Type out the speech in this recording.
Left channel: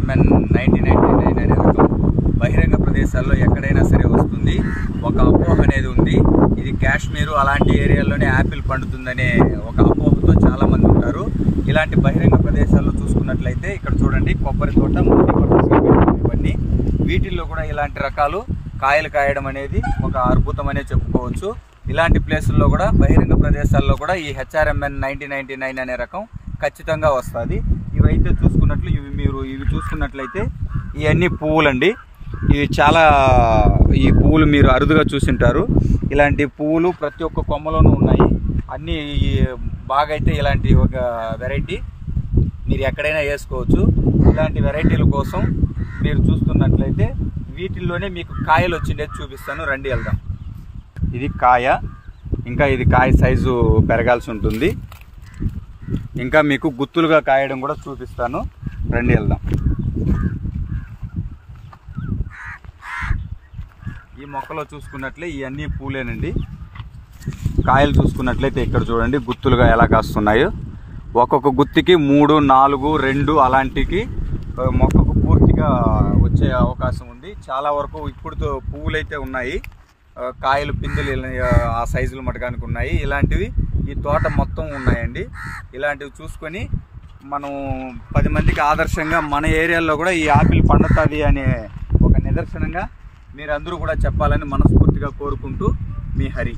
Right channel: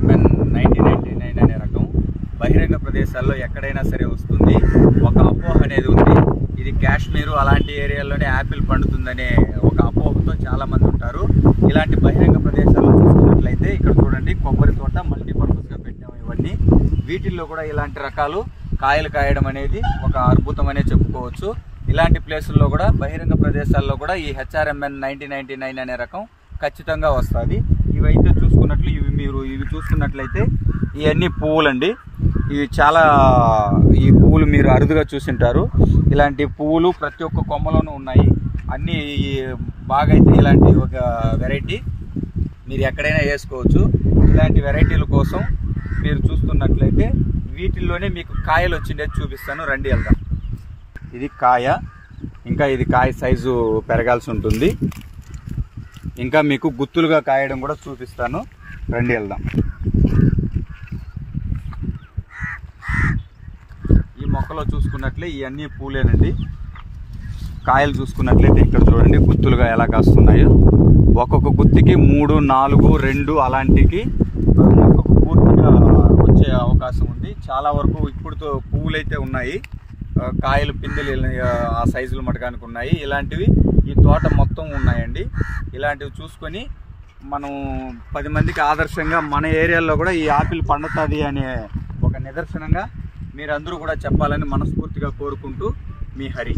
HRMN 1999 అనే రకం బహిరంగ ప్రదేశాల్లో ఎక్కడైనా సరే వస్తుంది. ఒక అపోహ అనేది ఉంది, ఇది కాశ్మీరు అలాంటి ఏరియాల్లోనే యాపిల్ పండుతుందనే ఒక అపోహతో చాలా మంది ఉంటారు. ఇలాంటి బహిరంగ ప్రదేశాల్లో చూసుకున్నట్లయితే ఇక్కడ చూడండి, కొబ్బరి తోట ఇవన్నీ, వీటిల్లో కూడా ఇలాంటి రకాలు కాయలు కాయడం అనేది ఒక అద్భుతం అనే చెప్పుకోవచ్చు. ఇలాంటి ప్లేసుల్లో కూడా బహిరంగ ప్రదేశాల్లో కూడా ఈ HRMN 1999 అనే రకం ఖచ్చితంగా వస్తుంది. ఇవైతే చూసుకున్నట్లు ఇవి చూసుకున్నట్లయితే ఇవన్నీ పువ్వులండి. ఇవి చాలా, ఈ పువ్వులు మీరు అరుదుగా చూసింటారు. ఇలాంటి పువ్వులు ప్రతి ఒక్క కొమ్మలోనూ ఉన్నాయి. అన్నీ బాగా అయితే ఇలాంటి ఒక వెరైటీ మీరు ఎక్కడైనా వేసుకోవచ్చు. ఇలాంటి వెరైటీల కోసం మీరు చూస్తున్నట్లయితే వీటిల్లోనే మీకు కాయలు వచ్చిండేది చూపిస్తాను, రండి వెళ్దాం. ఇది కాయ, ఇంకా ఇది కాయ సైజు పెరగాల్సి ఉంటుంది. ఇంకా మీకు గుత్తులుగా కాయడం కూడా చూపిస్తాను, రండి వెళ్దాం. ఈ మొక్కలో చూసుకున్నట్లే ఇవన్నీ పూలేనండి. కాయలు చూసుకున్నట్లయితే ఇక్కడ చూడండి గుత్తులుగా ఎలా కాస్తున్నాయో. ఒక్కొక్క గుత్తికి 3, 4, 2 అలాంటికి మొక్కకు పూర్తిగా వచ్చే అవకాశం ఉంది. చాలా వరకు ఇప్పుడు పువ్వులైతే ఉన్నాయి, కాయలు పిందెలు ఆ సైజులు మటకానికి ఉన్నాయి. ఇలాంటివి ఈ తోట మొత్తం ఉన్నాయండి. ఇలాంటివి చూసుకొని మనం 10 మందికి ఆదర్శంగా మన ఏరియాలో కూడా ఈ ఆపిల్ పండుతుంది అనే ఒక నిదర్శనంగా మీరందరూ కూడా చెప్పాలని మనస్ఫూర్తిగా కోరుకుంటూ, మీ హరి.